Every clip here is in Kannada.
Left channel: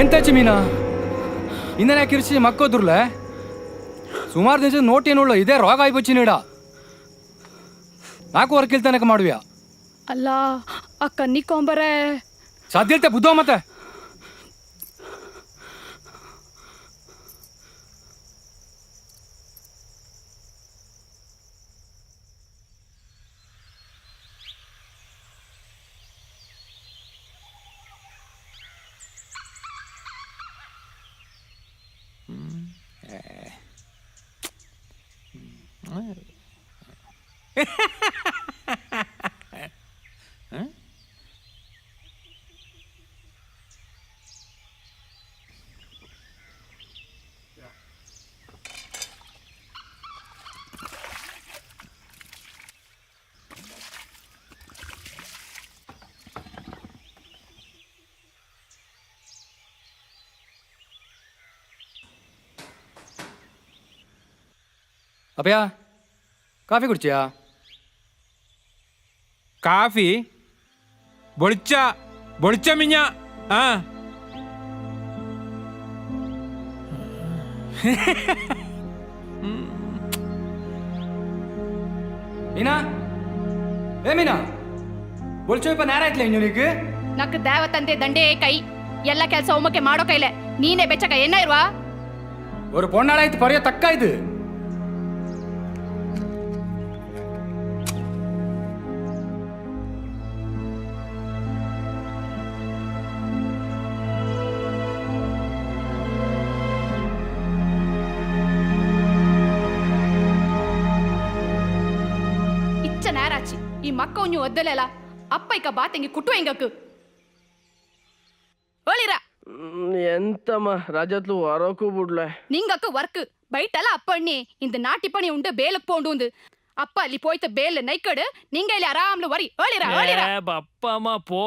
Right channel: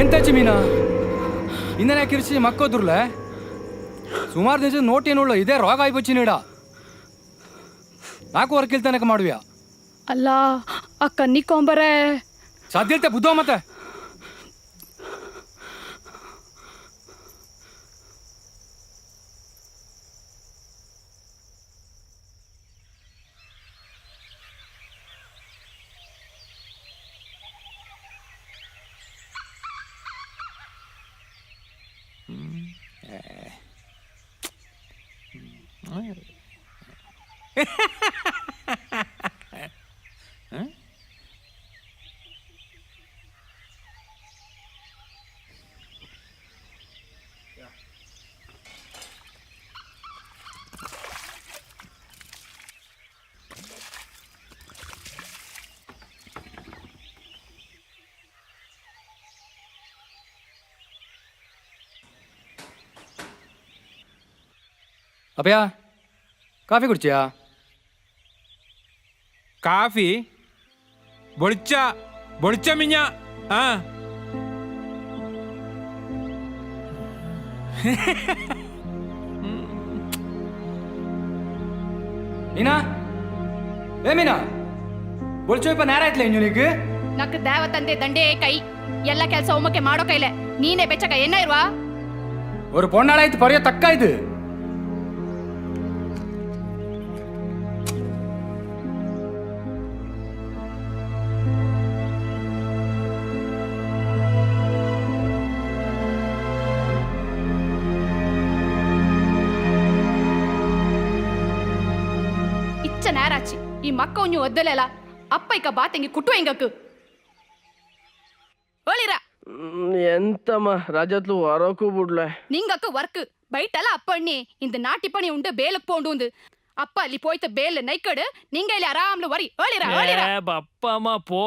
ಎಂತಾಚಿ ಮೀನಾ ಇಂದನೇ ಕಿರ್ಸಿ ಮಕ್ಕೋದ್ರಲ್ಲ ಸುಮಾರು ದಿವಸ ನೋಟೇನುಳ್ಳ ಇದೇ ರೋಗ ಆಯ್ಬಚ್ಚಿ ನೀಡ ನಾಲ್ಕು ವರ್ಕಿಲ್ತಾನಕ ಮಾಡುವ್ಯಾ ಅಲ್ಲ ಆ ಕನ್ನಿಕೊಂಬರೇ ಸಾಧ್ಯತೆ ಬುದ್ಧ ಮತ್ತೆ ಅಭಯ ಕಾಫಿ ಕುಡ್ಚಿಯಾ ಕಾಫಿ ಬೊಳ್ಚ ಬೊಳ್ಚ ಮಿಂಜ ಆ ಮೀನಾ ಏ ಮೀನಾ ಬೊಳ್ಚೋ ಇಪ್ಪ ನೇರ ಆಯ್ತಲ್ಲ ಇನ್ನೂನಿಗೆ ನಕ್ ದೇವತಂದೆ ದಂಡೇ ಕೈ ಎಲ್ಲ ಕೆಲಸ ಒಮ್ಮಕ್ಕೆ ಮಾಡೋ ಕೈಲೆ ನೀನೇ ಬೆಚ್ಚಕ ಏನ ಇರುವ ஒரு பொண்ணாளாய்த்து பரிய தக்கா இது ಇಚ್ಚ ನೇರಾಚಿ ಈ ಮಕ್ಕ ಉಂಜು ಒದ್ದಲೆಲ್ಲ ಅಪ್ಪ ಇಕ್ಕ ಬಾತಂಗಿ ಕುಟ್ಟು ಹೆಂಗಕ್ಕು ಓಳಿರ ಎಂತಮ್ಮ ರಾಜತ್ಲು ವರಕು ಬಿಡ್ಲೆ ನಿಂಗಕ್ಕು ವರ್ಕ್ ಬೈಟಲ್ಲ அப்பண்ணி இந்த நாட்டி பணி உண்டு பேலுக்கு போண்டு அப்பா ಅಲ್ಲಿ போய்த்த பேல நைக்கடு நீங்க ಇಲ್ಲಿ ಆರಾಮ್ಲು ವರಿ ಓಳಿರ ಓಳಿರ ಅಪ್ಪ ಅಮ್ಮ ಪೋ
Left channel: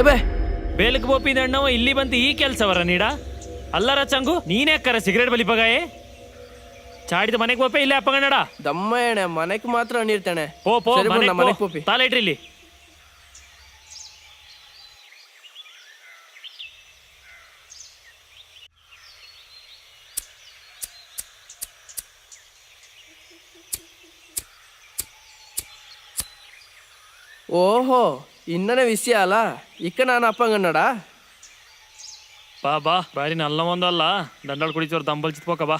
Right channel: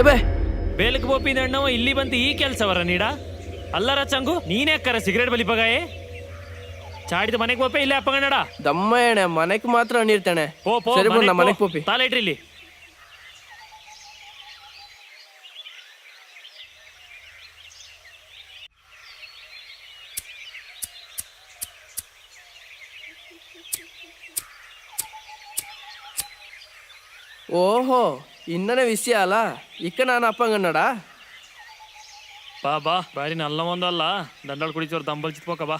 ಎಬೆ ಬೇಲಕ್ಕೆ ಬೋಪಿದ ಅಣ್ಣವ ಇಲ್ಲಿ ಬಂತು ಈ ಕೆಲಸವರ ನೀಡ ಅಲ್ಲರ ಚಂಗು ನೀನೇ ಅಕ್ಕರ ಸಿಗರೇಟ್ ಬಲಿಪಗಾಯೆ ಚಾಡಿದ ಮನೆಗೆ ಬೋಪೆ ಇಲ್ಲೇ ಅಪ್ಪಗಣ್ಣಡ ದಮ್ಮ ಎಣೆ ಮನೆಗೆ ಮಾತ್ರ ನೀಡ್ತಾನೆ. ಪೋ ಪೋ ಸರಿ ಬಿಡು, ನಾ ಮನೆಗೆ ಪೋಪಿ. ತಾಲೆ ಇಟ್ರಿ ಇಲ್ಲಿ. ಓಹೋ ಇನ್ನನೇ ವಿಷಯ ಅಲ್ಲ ಇಕ್ಕ ನಾನು ಅಪ್ಪಂಗನ್ನಡ. ಬಾ ಬಾ ಬಾರಿ ನಲ್ಲ ಒಂದಲ್ಲ ದಂಡಾಳ್ ಕುಡಿಚೋರು ದಂಬಲ್ ಚಿತ್ಕೋಕ ಬಾ.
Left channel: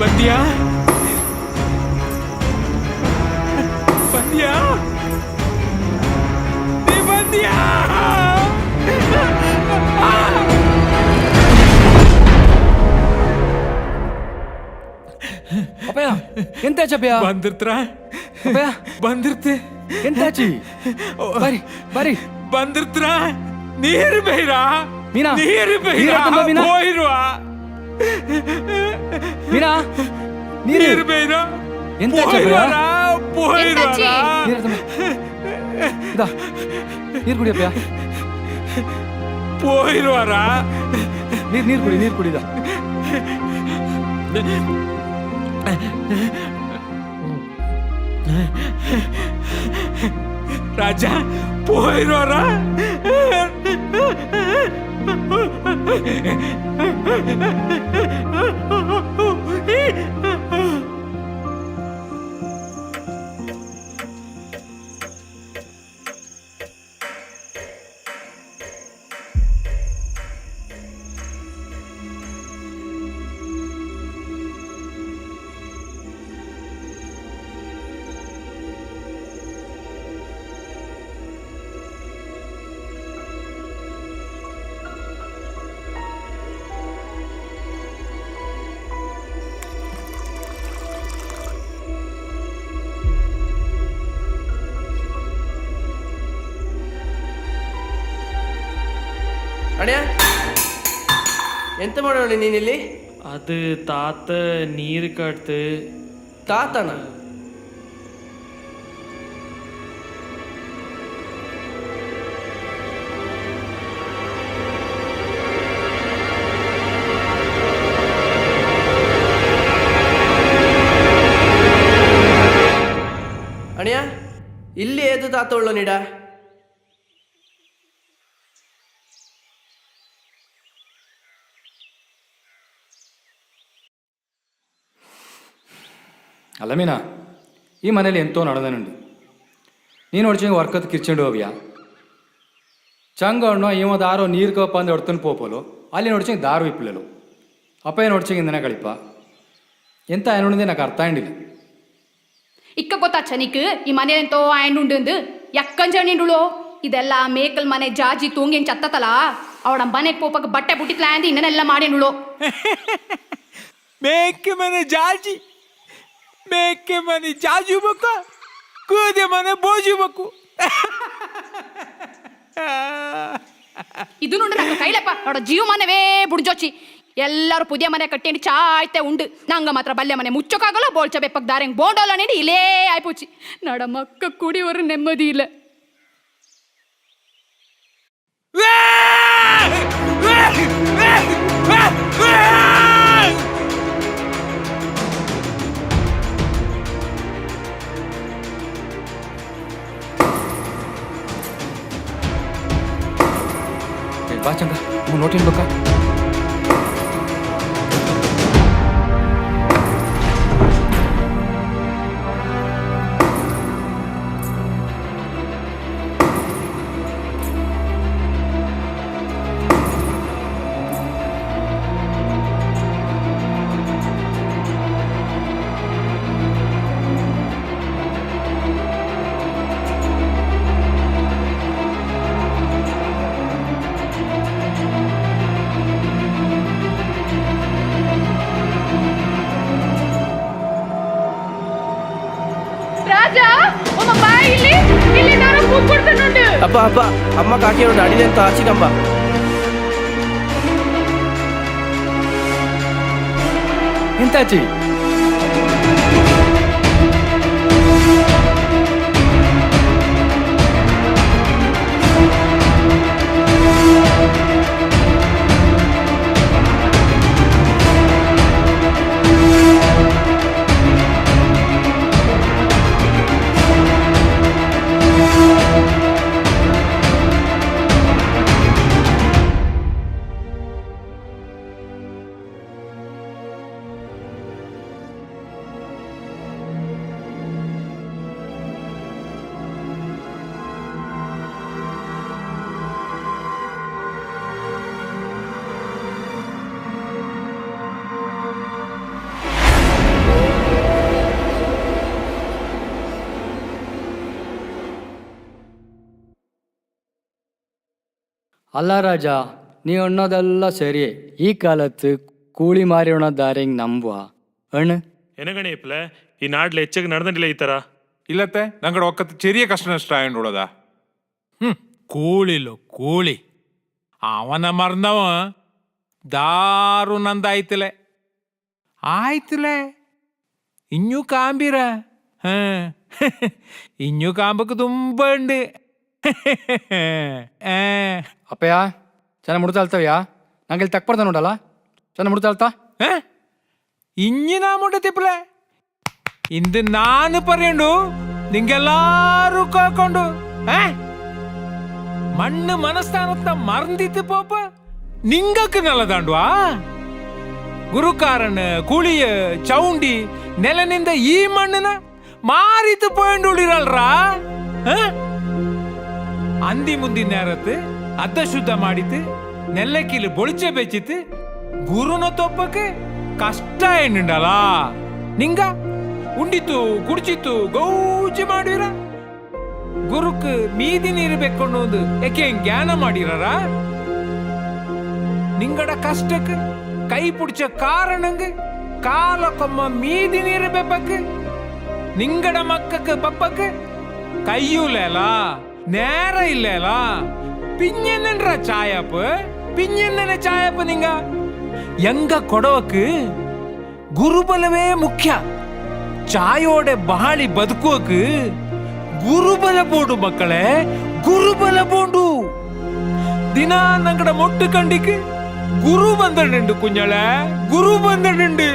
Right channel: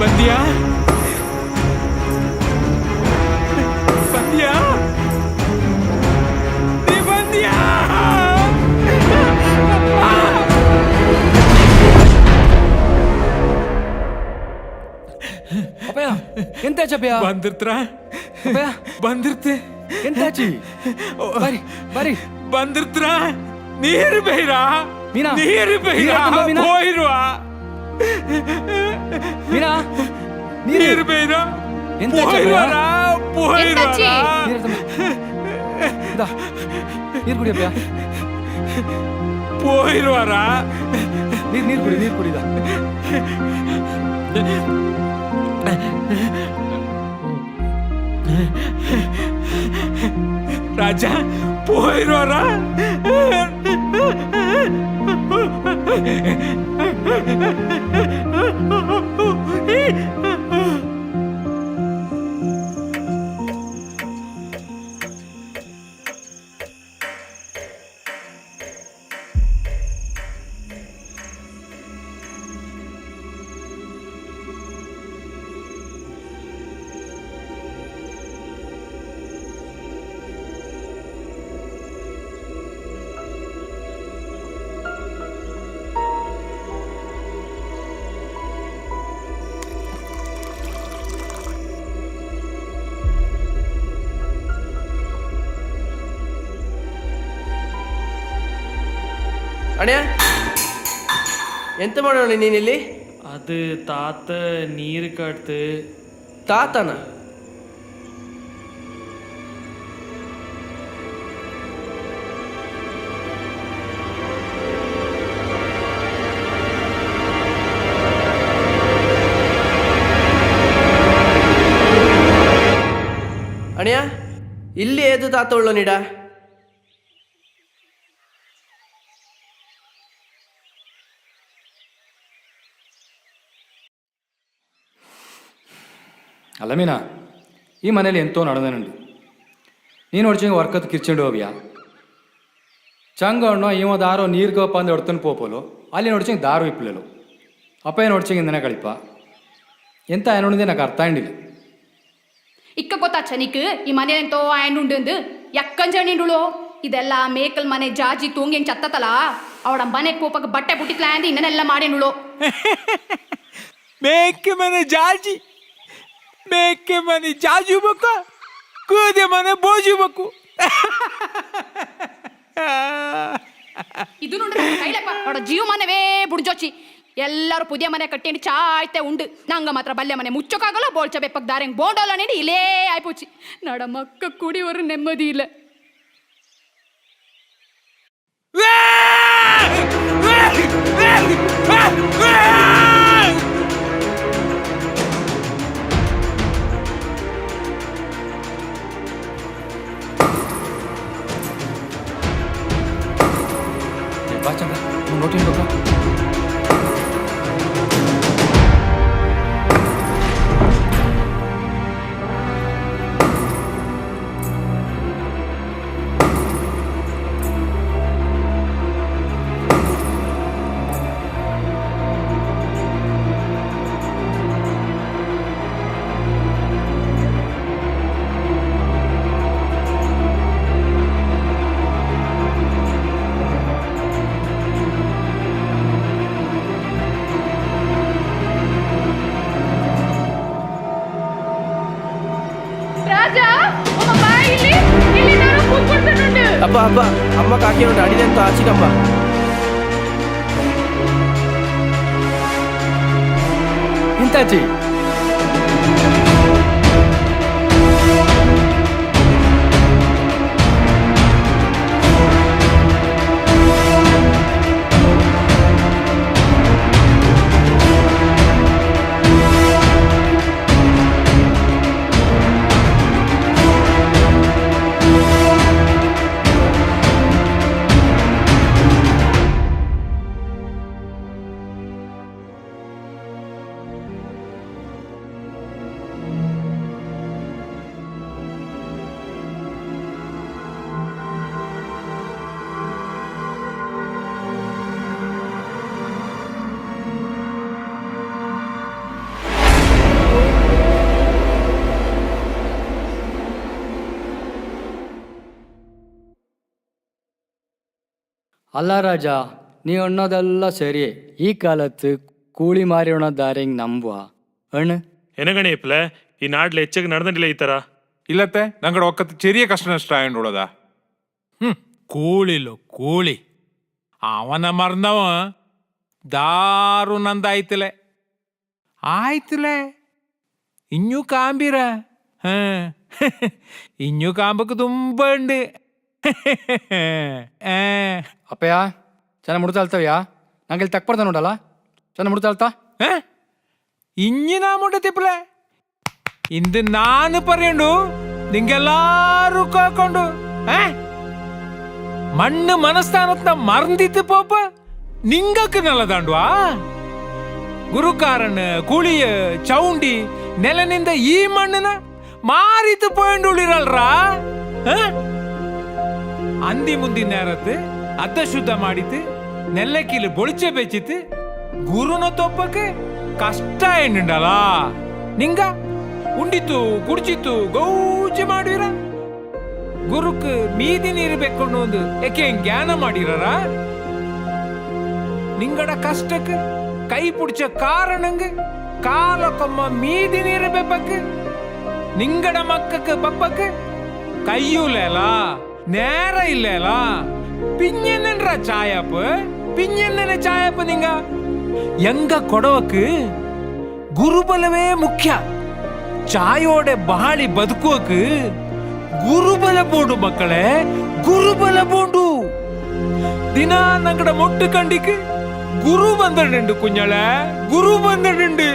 ಬಂದ್ಯಾ ಬಂದ್ಯಾ ನೀ ಬಂದ್ಯಾ? ಅಪ್ಪಯ್ಯ ಎಂತಾಚಿ ಅಪ್ಪಯ್ಯ? ಬಂದಿರ್ತ್ರ ಅಪ್ಪಯ್ಯ ಬಂದಿರ್ತೆ ಎಂತಾಚಿ? ಬರಿ ಬರಿ ಬಂದಿರ್ತ್ರ ನೀರು ಬೈರಾ ಮೀನಾ ನೀರು ಬೈರಾ ಮೀನಾ ಹೋಯಿರುವ ಮೀನಾ ನೀರು ಬೈರಾ ಎಂತಾಚಿ ಅಪ್ಪಯ್ಯ? ಎಂತಾಚಿ? ನೀರು ತಮ್ಮ. ಇದಾ ನೀರು ಕುಡಿ ಅಪ್ಪಯ್ಯ. ಹೋಯಿರುವಾರ ನೀರು ಕುಡಿ ನೀರು ಕುಡಿದ. ರಾಜ ಹೋಯಿರುವಾರ ಅಣ್ಣ ಎಂತ ಮಾಡೋಣ ನೀನಿಲ್ಲಿ? ಅದು ತಾತ ನೀರು ಕಟ್ತು. ತಾತನ ಅಣ್ಣ ಇಲ್ಲಿ ಏದು ತಾತ ಉಳ್ಳೋ ನೀಡ? ಅಲ್ಲ ಮೀನಾ ಈ ಮನೇಲಿ ಎಂತೋ ನಡೆದನುಂಡು. ನೀನು ಹೊಡ್ಚಂಗೆ ವರ್ಕತ್ ಕಿರ್ಚಂಡು ಹೋಗ್ಯಾ ಚಂಗ ಅಣ್ಣ ಇವ ದಾರೋ ನೀರ್ಗಪ್ಪ ಅಂದು ಹೊಡ್ತನ ಪೋಪಲು ಅಲ್ಲಿ ನೋಡ್ಚಂಗೆ ದಾರು ಇಪ್ಪಲೆಲು ಅಪ್ಪ ನೋಡ್ಚಂಗೆ ಇಂದನೆ ಕಳಿಪ ಎಂತ ಏನೊಂದೇ నాకు ಅರ್ಥ ಆಗಿಲ್ಲ. ಇಕ್ಕ ಗೊತ್ತಾಚ ನಿಕ್ ಈ ಮನೆಯಂತೋ ಆಯ್ನುಂಡು ಎಕ್ಕಂಜಣಿಂಡುಳು ಇದೆಲ್ಲ ಮೇಕಲ್ ಮನೆ ಜಾಜಿ ತೂಂಗೇನ್ ಚತ್ತತಲ ಅವಳ ಮನೆಗೆ ಪೋಪಕ್ಕೆ ಬಟ್ಟೆ ಬುಟ್ಟಿತ್ಲ ಅಂದು ಇನ್ನನೆಲ್ಲ ಮಾಡಿನುಳು. ಮೇಕೆ ಮನೆ ಜಾಜಿ ಮೇಕೆ ಮನೆ ಜಾಜು ಬೇಕು ಕೂದೆ ಮನೆ ಬೋಜು ಬೇಕು. ಇದು ನೋಡ್ರಿ ನಂಗೆ ಕೈಲಪ್ಪ ನೋಡ ಜೀವ ಮನೆವೇ ಬುಡ್ಜೋಚಿ ಎಲ್ಲರೂ ಪುದಿಯ ಮನೆ ಕಟ್ಟಿ ಚಾಯ್ತೆ ಉಂಡು ನಂಗೆ ಮಾತ್ರ ಬಲ್ಯ ಮನೆ ಮುಚ್ಚೋಕ್ಕಾಗಲ್ಲ ಬೋಳ್ಚ ಬೆಪ್ಪಕ್ಕೆ ದಾರಂಗೆ ಬೋಂಡೋಲ್ಲ ನೀಡಿ ಇಲ್ಲೇ ಆಯ್ಪುಚ್ಚಿ ನಡ ಮಕ್ಕ ಕುಡಿಯೋರು ನೆಮ್ಮದಿ ಇಲ್ಲ. ಬಾ ಚಂದ ನೋಟಿನ್ ಬೇಕಾ? ಅಪ್ಪ ಅಪ್ಪ ಅಮ್ಮ ಕಾಕಿನೋಡು ಅಡಿದಂತ ಆಚಿಕಂಬ. ಎಂತಾಚಿ ಅಲ್ಲ ರಾಜ, ನೀ ಅನ್ನೋದೆಲ್ಲ ಸರಿ. ಈ ಕಾಲത്ത് ಕೂಳಿ ಮಾರಿ ಉಣದಾರೆಂಗ್ ನಂಬುವ ಅಣ್ಣ ಎನಗಣೆ ಇಪ್ಲೆ ಈ ನಾಡ್ಲೆ ಹೆಚ್ಚಾಗಿ ನಡೆದಿಲ್ಲ ಈ ತರ. ഇല്ലത്തെ ഞങ്ങളുടെ ഒക്കത്ത് ചെറിയ കഷ്ണ നഷ്ടമായോണ്ടുള്ളതാ. കൂളില്ലോ കൂളി അവനെ മറന്നവ ದಾರುನಂದಾಯ್ತಲೆ ಆಯ್ತಲೆ ಇഞ്ഞു ಕಾಂಬಿರ ಇഞ്ഞു ಕಾಂಬಕ್ಕೆ ತುಂಬ ഉണ്ട്. ಅಪ್ಪಯ್ಯ ಚೆನ್ನಾಗಿ ಮುಡ್ತಾಳ್ತವ್ಯಾ? ನಂಗೆ ಇಲ್ಲಿ ತಕ್ಬಾರ್ದ ನೋಡಲ್ಲ, ಚೆನ್ನಾಗಿ ಮುಡ್ತಾಳ್ತಾ? ഇഞ്ഞു നാ മുണ്ടത്തിപ്പലെ ಇಂದು ನಾನು ಪರ್ಯಂಡು ನಿಂಗೆಲ್ಲಾರು ಕಾಕೊಂಡು ಮಣ್ಣು ಮನಸ್ಥಾನತ್ನ ಮರಂದಿತ್ತು ಪಾಪ ನಿಂಗಕ್ಕೆ ನಲ್ಲದಾಂಡ್ವಾ. ಗುರುಕಾರನ್ ಕುಳಿಯ ಚೌಂಡಿ ನೆಲನಿಂದ ಈ ಮಣ್ಣನ ಮಾರಿತು ಪೋಯಂಡು ಉಳಿರಲ್ರಾ. ಅಂದಿ ಮುಂದಿನ ನೇರತ್ತು ಅದ್ದ ಶುದ್ಧ ಮಾಡಿತು ನೆಲ್ಲಕ್ಕಿಲು ಬೊಳಿಚೆ ಬೆಚ್ಚಿತ್ತು ಗುರುನ ತೊಪ್ಪಕ್ಕೆ ಕಷ್ಟ ಎಣ್ಣುಂಡಲ್ಲ ನಿಂಗ ಉಂಡಿತ್ತು ಕುಡಿಚಿತ್ತು ಗೌಜಿ ಮಾಡಿರ ಗುರುಕ್ ಮೀದಿ ನೀರು ಬೆಕ್ಕೊಂಡು ಒಂದು ಏಕೆ ಜ್ಞಾನ ಮಾಡಿರ ನಿಂಗಡ ಕಷ್ಟಕ್ಕೆ ಕೈ ಪುಡಿಚ ಕಾರಣಂಗ ಕಾಲಕ್ಕೊಮ್ಮ ಮೀದಿ ನೀರು ಬೆಪ್ಪಕ್ಕೆ ನಿಂಗಡ ಮಕ್ಕಕ್ಕೆ ಬಪ್ಪಕ್ಕೆ ಕೈಯೂಲೇಲ നേര ഇല്ലേല പിഞ്ഞെന്നൻറ ചായപ്പ് പിഞ്ഞെന്നെ ചായപ്പ് നിങ്ങ എങ്ക കൊടവക്ക് ഗുരുബലവേ മുഖ്യ ಚಾಯೋಡೆ ಬಾಳಿ ಬದುಕೋಕ್ ಗುರುಬಲ ಬೋಂಡು ಮಕ್ಕಳೇ, ಗುರುಬಲ ಬೋಂಡು. ದಿನ ನಂಗಡ ಮೊಟ್ಟು ಕಂಡಿಕ್ ಗುರು ಬಂದಡುಂಡು ಕುഞ്ഞളെ, ಗುರು ಬಂದಡುಂಡು.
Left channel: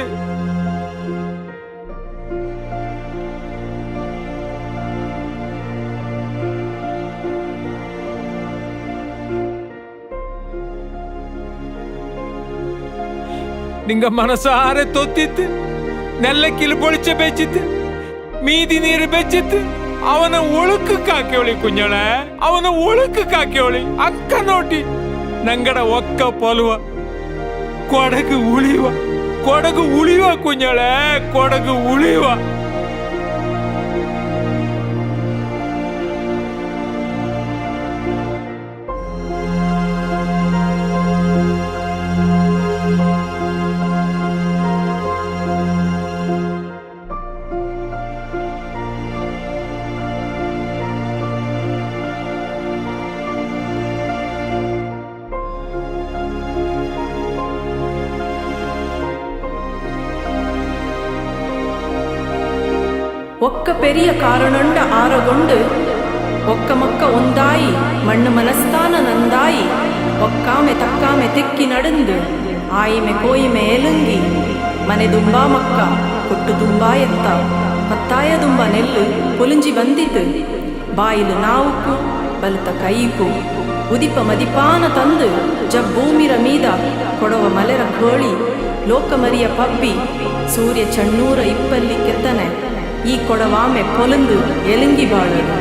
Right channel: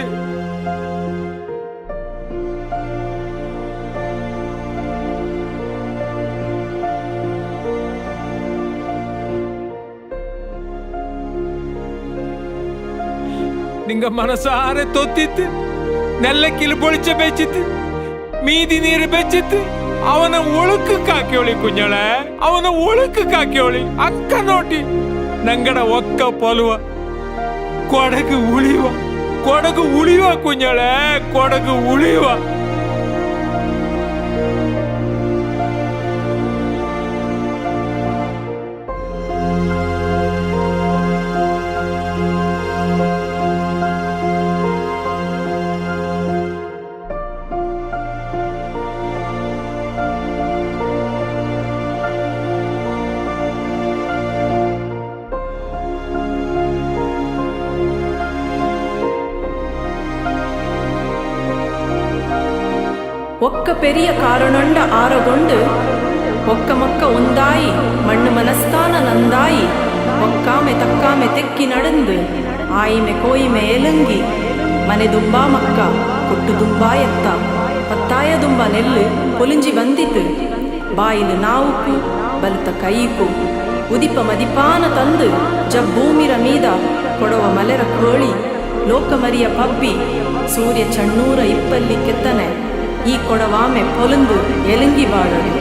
ನಿಂಗ ಮನಸಾರೆ ತೊತ್ತಿತ್ತು ನೆಲ್ಲಕ್ಕಿಲು ಬೊಳಿಚೆ ಬೆಚ್ಚಿತ್ತು ಮೀದಿ ನೀರು ಬೆಚ್ಚಿತ್ತು ಅವನ ಒಳುಕು ಕಾಕ್ಯೋಳಿ ಕುഞ്ഞളെ, ಅವನ ಒಳುಕು ಕಾಕ್ಯೋಳಿ ಅಕ್ಕ ನೋಟಿ ನಂಗಡ ಒಕ್ಕ ಪೊಲುವ ಕೊಡಗು ಉಳಿಯುವ, ಕೊಡಗು ಉಳಿಯುವ ಕುഞ്ഞളെ, ಕೊಡಗು ಉಳಿಯುವ. ఒక్క పెరియ కారణండ ఆరగొండు ఒక్క మొక్క ಒಂದಾಯಿ ಮಣ್ಣು ಮನಸ್ಥಾನ ನಂದಾಯಿ ಒಕ್ಕಾಮೆ ತಕ್ಕಾಮೆ ತೆಕ್ಕಿ ನಡೆಂದು ಆಯಿಮೆ ಕೋಯಿಮೆ ಎಲುಂಗಿ ಮನೆ ದುಂಬಾ ಮಕ್ಕ ಕೊಟ್ಟು ದುಂಬಾ ಎತ್ತ ಪತ್ತಾಯ ದುಂಬ ನೆಲ್ಲು ಪೊಲಿಂಜಿ ಬಂದಿತು ಬಾಯಿಲು ನಾವುಕು ಬಲುತ ಕೈಕು ಉದಿಪ ಮದಿಪಾನ ತಂದು ಜಬ್ಬೂಮಿರ ಮೀದ ಕೊಡವ ಮಲೆರ ಕೋಳಿ ಲೋಕಮರಿಯ ಪಬ್ಬಿ ಸೂರ್ಯ ಚಣ್ಣೂರ ಇಪ್ಪಲ್ಲಿ ಕೆತ್ತನೆ ಈ ಕೊಡವಾಮೆ ಪೊಲುಂದು ಎಲುಂಗಿ ಬಾಳಡು.